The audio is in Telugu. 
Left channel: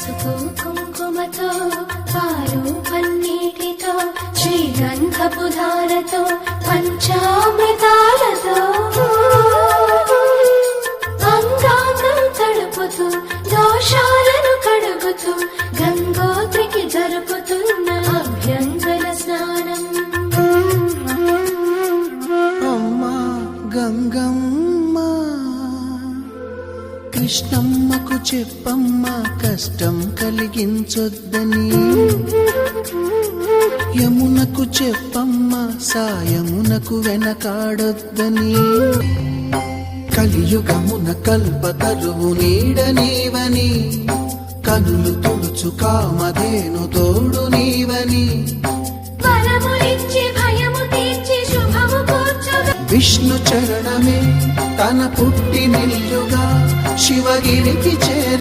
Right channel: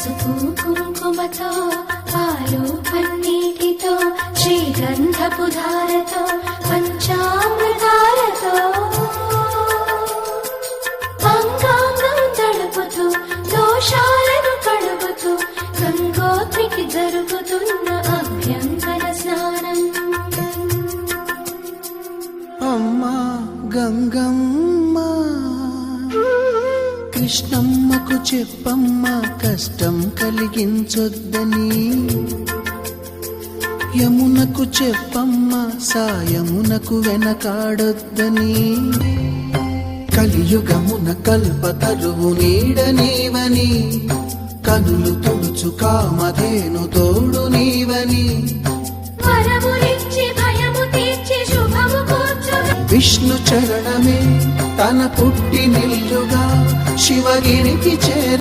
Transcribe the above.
పసుపు కుంకుమతో పాలు పన్నీటితో శ్రీగంధపు ధారతో పంచామృతాలతో అంగాంగం తడుపుతూ దోషాలను కడుగుతూ గంగోత్రికి జరుపుతున్న అభ్యంతర స్నానం. అమ్మా గంగమ్మ, కృష్ణమ్మకు చెప్పమ్మా కష్టం కలిగించొద్దని. యమునకు చెప్పమ్మా సాయమునకు వెనకాడొద్దని. కలియుగమున కల్పతరువు నీడనీవని, కనులు తుడుచు కామధేను తోడు నీవని. విష్ణు చరణమే తన పుట్టినిల్లుగా శివగిరికి చేర